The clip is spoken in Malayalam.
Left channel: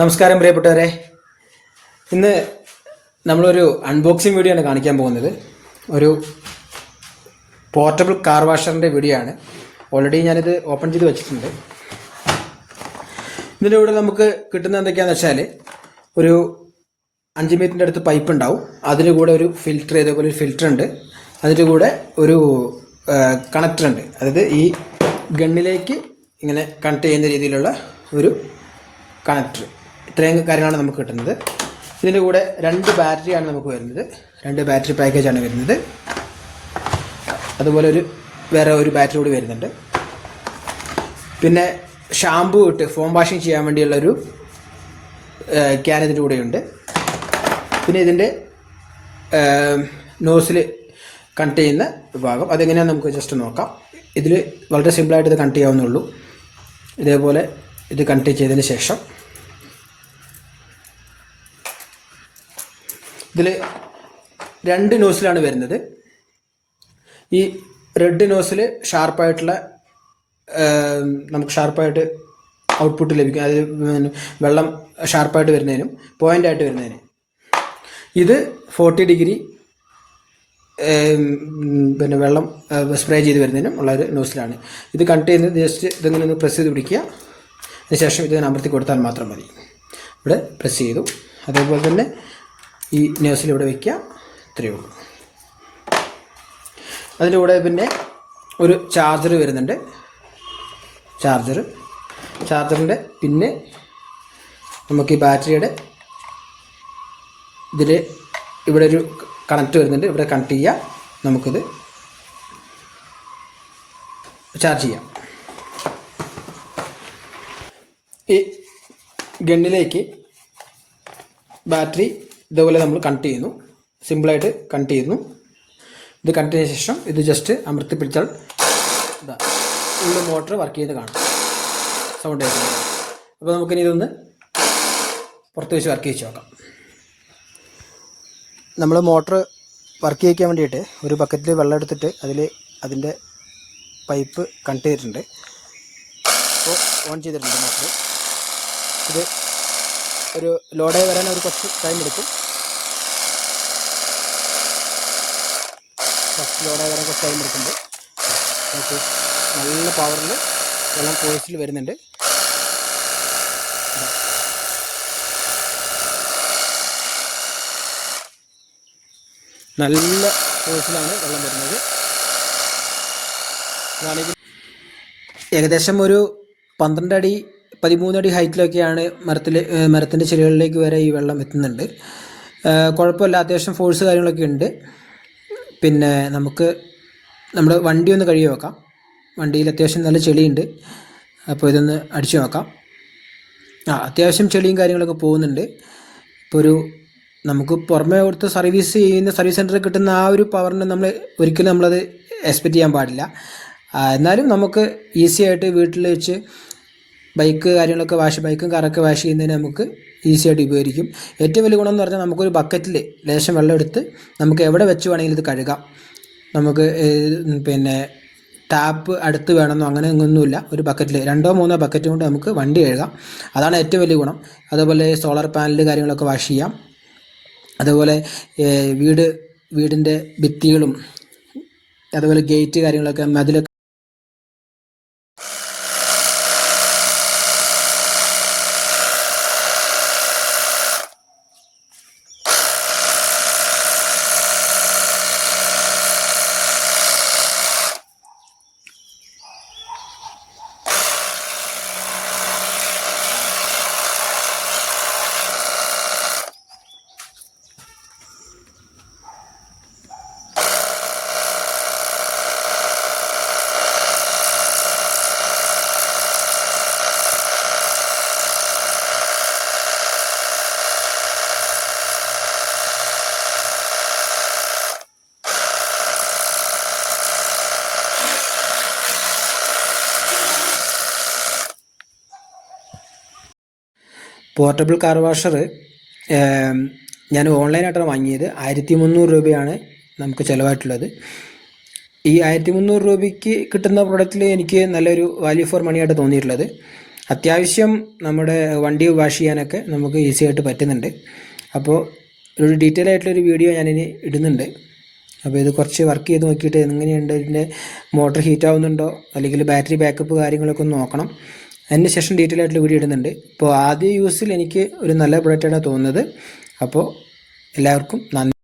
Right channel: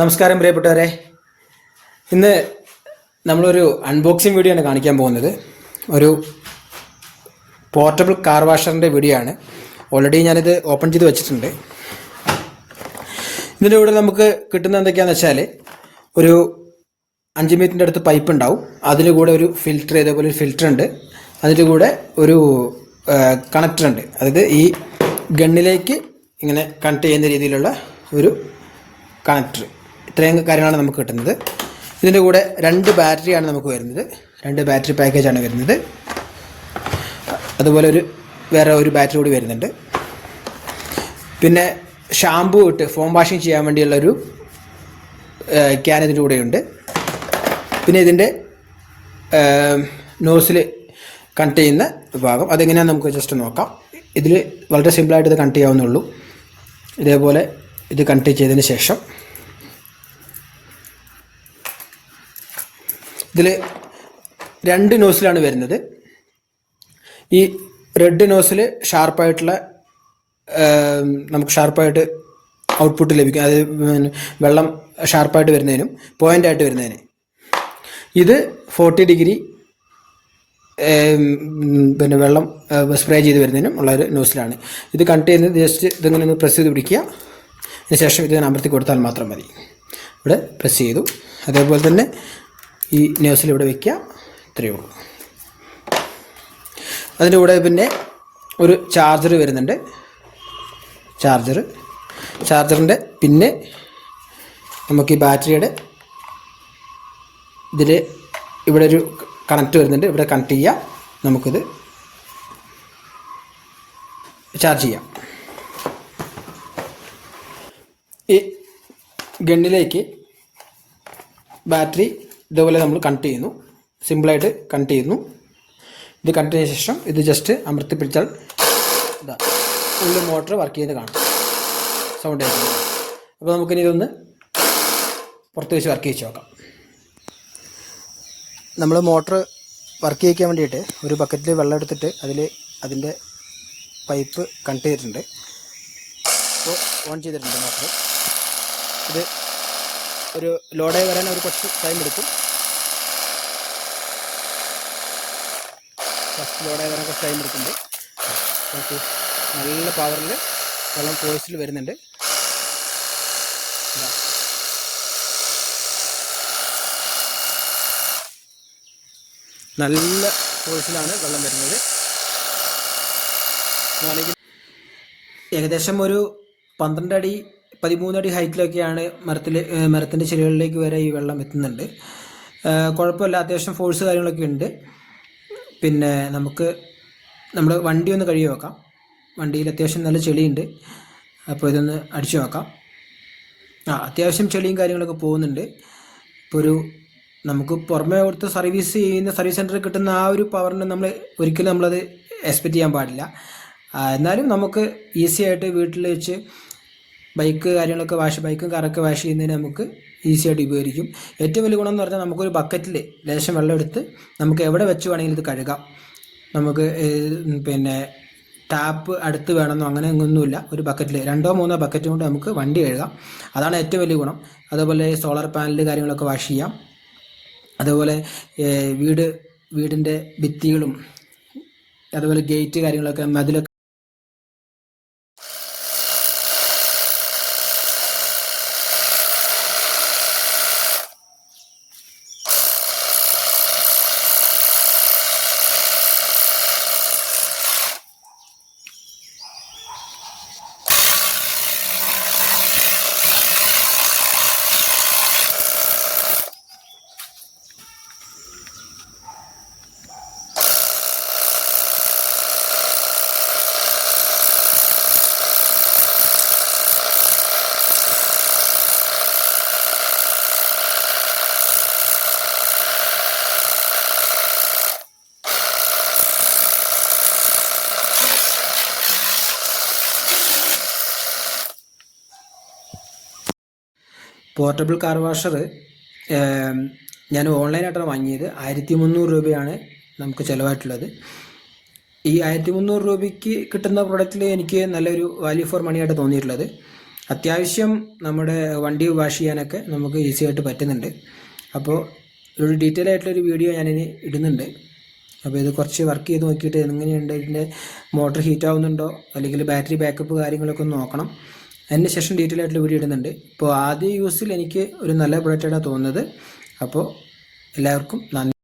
നമസ്കാരം പ്രിയപ്പെട്ടവരെ. ഇന്ന് നമ്മളൊരു അൺബോക്സിങ് വീഡിയോ ആണ് കാണിക്കാൻ പോകുന്നത്. ഒരു പോർട്ടബിൾ കാർ വാഷറിൻ്റെ വീഡിയോ ആണ്. ഓൾറെഡി ഞാനിത് ഓപ്പൺ ചെയ്ത് വെച്ചിട്ടുണ്ട്. ഇതിൻ്റെ കൂടെ നമുക്ക് കിട്ടുന്ന എന്തൊക്കെയാണെന്ന് വെച്ചാൽ ഒരു 5 മീറ്ററിൻ്റെ അടുത്ത് പൈപ്പ് ഉണ്ടാവും. അതിൽ കൂടെ ഒരു ഫിൽറ്റർ, ഇതേപോലെ ഒരു ഫിൽറ്റർ ഉണ്ട്. അതിൻ്റെ കൂടെ ഒരു കണക്ടർ ഉണ്ട്. അതായത് ഈ ഗണ്ണിലേക്ക് ഇങ്ങനെ കണക്ട് ചെയ്യുന്ന രീതിയിലുള്ള ഒരു കണക്ടർ. ഇത്രയും കാര്യങ്ങളാണ് നമുക്ക് കിട്ടുന്നത്. ഇതിൻ്റെ കൂടെ 2 ബാറ്ററിയാണ് നമുക്ക് വരുന്നത്. 2 ബാറ്ററി പാക്കേജാണ് വരുന്നത്. അതുപോലെ വേറെ ഒരു ബാറ്ററി കൂടി വരുന്നുണ്ട്. പിന്നെ ഷാമ്പു ഇട്ട് ഫോം വാഷിംഗ് ചെയ്യാൻ വേണ്ടിയുള്ളൊരു ക്യാൻ ഇതിൻ്റെ കൂടെയുണ്ട്. പിന്നെ ഇതിൻ്റെ നോസിൽ കണക്ട് ചെയ്യുന്ന ഭാഗം അതെങ്ങനെയാണെന്ന് നമുക്ക് ജസ്റ്റ് നോക്കാം. ഇതിൽ വളരെ സിമ്പിളായിട്ട് ഇത് കണക്ട് ചെയ്യാവുന്നുള്ളൂ. ഇതേപോലെ ഇത് കണക്ട് ചെയ്തതിന് ശേഷം ഇതിൽ 2 നോസിലാണ് വരുന്നത്. ഈ റെഡ് നോസിൽ ഷാർപ്പായിട്ടുള്ള നമുക്ക് ഷാർപ്പായിട്ട് ഔട്ട്പുട്ട് ലഭിക്കും. അത് വെള്ളം ഷാർപ്പായിട്ട് വരുന്നതിനും പോയിൻ്റായിട്ട് വരുന്നതിന്. ഇത് 40 ഡിഗ്രി പിന്നെ വെള്ളം സ്പ്രേ ചെയ്ത് വരുന്നതിനും ഉള്ളൊരു നോസിലാണ്. ഇത് കണക്ട് ചെയ്യുന്നത് ജസ്റ്റ് ഇതെങ്കിലും ഒന്ന് പ്രസ് ചെയ്ത് പിടിക്കുക. അതിനുശേഷം ഇത് അമർത്തി കൊടുത്താൽ മാത്രം മതി. ഇവിടെ പ്രസ് ചെയ്തു. അതേപോലെ തന്നെ ഈ നോസിൽ ഇവിടെ വയ്ക്കുക. ഇത്രയേ ഉള്ളൂ. അതിൻ്റെ കൂടെ പിന്നെ ഒരു ചാർജർ വരുന്നുണ്ട്. ചാർജറിൻ്റെ പിന്നെ നമുക്ക് ഈ ബാറ്ററിയുടെ ഇതിൽ ഇവിടെ ഒരു കണക്ട് വരുന്നുണ്ട്. ഇവിടെ കണക്ട് ചെയ്യുക. നമുക്കിത് ചാർജ് ചെയ്യാം. ഈ ഗണ്ണിലേക്ക് ബാറ്ററി ഇതേപോലെ നമ്മൾ കണക്ട് ചെയ്യുന്നു. സിമ്പിളായിട്ട് കണക്ട് ചെയ്യുന്നു. ഇത് കണക്ട് ചെയ്ത ശേഷം ഇത് ജസ്റ്റ് അമർത്തി പിടിച്ചാൽ ഇതാ ഉള്ള മോട്ടർ വർക്ക് ചെയ്ത് കാണും. സൗണ്ട് ആയിരിക്കും. അപ്പോൾ നമുക്കിനി ഇതൊന്ന് പുറത്ത് വെച്ച് വർക്ക് ചെയ്ത് നോക്കാം. നമ്മൾ മോട്ടർ വർക്ക് ചെയ്യിക്കാൻ വേണ്ടിയിട്ട് ഒരു ബക്കറ്റിൽ വെള്ളം എടുത്തിട്ട് അതിൻ്റെ പൈപ്പ് കണക്ട് ചെയ്തിട്ടുണ്ട്. അപ്പോൾ ഓൺ ചെയ്തിട്ടുണ്ട് മോട്ടർ. ഇത് ഒരു ലോഡായി വരാൻ ഒരു കുറച്ച് ടൈം എടുക്കും. ഫസ്റ്റ് ലോഡായി വരാൻ കുറച്ച് ടൈം എടുക്കുന്നുണ്ട്. നമുക്ക് നല്ല പവറിൽ വെള്ളം ഫോഴ്സിൽ വരുന്നുണ്ട്. നല്ല ഫോഴ്സിലാണ് വെള്ളം വരുന്നത്. ഏകദേശം ഒരു 12 അടി 13 അടി ഹൈറ്റിലൊക്കെയാണ് മരത്തിൻ്റെ ചില്ലകളിലേക്ക് വരെ ഈ വെള്ളം എത്തുന്നുണ്ട്. കുഴപ്പമില്ല, അത്യാവശ്യം ഫോഴ്സ് കാര്യങ്ങളൊക്കെ ഉണ്ട്. പിന്നെ നമുക്ക് നമ്മുടെ വണ്ടി ഒന്ന് കഴുകി വെക്കാം. വണ്ടിയിൽ അത്യാവശ്യം നല്ല ചെളിയുണ്ട്. അപ്പോൾ ഇതൊന്ന് അടിച്ചു നോക്കാം. അത്യാവശ്യം ചെളിയും കാര്യങ്ങളൊക്കെ പോകുന്നുണ്ട്. ഇപ്പോൾ നമുക്ക് പുറമേ കൊടുത്ത് സർവീസ് സെൻറ്ററിൽ കിട്ടുന്ന ആ ഒരു പവറിന് ഒരിക്കലും നമ്മളത് എക്സ്പെക്റ്റ് ചെയ്യാൻ പാടില്ല. എന്നാലും നമുക്ക് ഈസി ആയിട്ട് വീട്ടിൽ വെച്ച് ബൈക്കും കാറൊക്കെ വാഷ് ചെയ്യുന്നതിന് നമുക്ക് ഈസി ആയിട്ട് ഉപകരിക്കും. ഏറ്റവും വലിയ ഗുണം എന്ന് പറഞ്ഞാൽ നമുക്കൊരു ബക്കറ്റിൽ ലേശം വെള്ളം എടുത്ത് നമുക്ക് എവിടെ വെച്ച് വേണമെങ്കിലും ഇത് കഴുകാം. നമുക്ക് പിന്നെ ടാപ്പ് അടുത്ത് വേണമെന്നോ അങ്ങനെ ഒന്നുമില്ല. ഒരു ബക്കറ്റിൽ 2-3 ബക്കറ്റ് കൊണ്ട് നമുക്ക് വണ്ടി കഴുകാം. അതാണ് ഏറ്റവും വലിയ ഗുണം. അതുപോലെ സോളാർ പാനൽ കാര്യങ്ങളൊക്കെ വാഷ് ചെയ്യാം. അതുപോലെ വീടിൻ്റെ ഭിത്തികളും അതുപോലെ ഗേറ്റ് കാര്യങ്ങളൊക്കെ മതിലൊക്കെ പോർട്ടബിൾ കാർ വാഷർ ഞാൻ ഓൺലൈനായിട്ടാണ് വാങ്ങിയത്. 1300 രൂപയാണ് നമുക്ക് ചിലവായിട്ടുള്ളത്. ഈ 1300 രൂപയ്ക്ക് കിട്ടുന്ന പ്രൊഡക്റ്റിൽ എനിക്ക് നല്ലൊരു വാല്യൂ ഫോർ മണി ആയിട്ട് തോന്നിയിട്ടുള്ളത്. അത്യാവശ്യം നമ്മുടെ വണ്ടി വാഷ് ചെയ്യാനൊക്കെ നമുക്ക് ഈസി ആയിട്ട് പറ്റുന്നുണ്ട്. അപ്പോൾ ഒരു ഡീറ്റെയിൽ ആയിട്ടുള്ളൊരു വീഡിയോ ഞാനിനി ഇടുന്നുണ്ട്. അപ്പോൾ ഇത് കുറച്ച് വർക്ക് ചെയ്ത് നോക്കിയിട്ട് എങ്ങനെയുണ്ട്, ഇതിൻ്റെ മോട്ടർ ഹീറ്റ് ആവുന്നുണ്ടോ അല്ലെങ്കിൽ ബാറ്ററി ബാക്കപ്പ് കാര്യങ്ങളൊക്കെ ഒന്ന് നോക്കണം. അതിന് ശേഷം ഡീറ്റെയിൽ ആയിട്ടുള്ള വീഡിയോ ഇടുന്നുണ്ട്. ഇപ്പോൾ ആദ്യ യൂസിൽ എനിക്ക് ഒരു നല്ല പ്രൊഡക്റ്റാണ് തോന്നുന്നത്. അപ്പോൾ എല്ലാവർക്കും നന്ദി.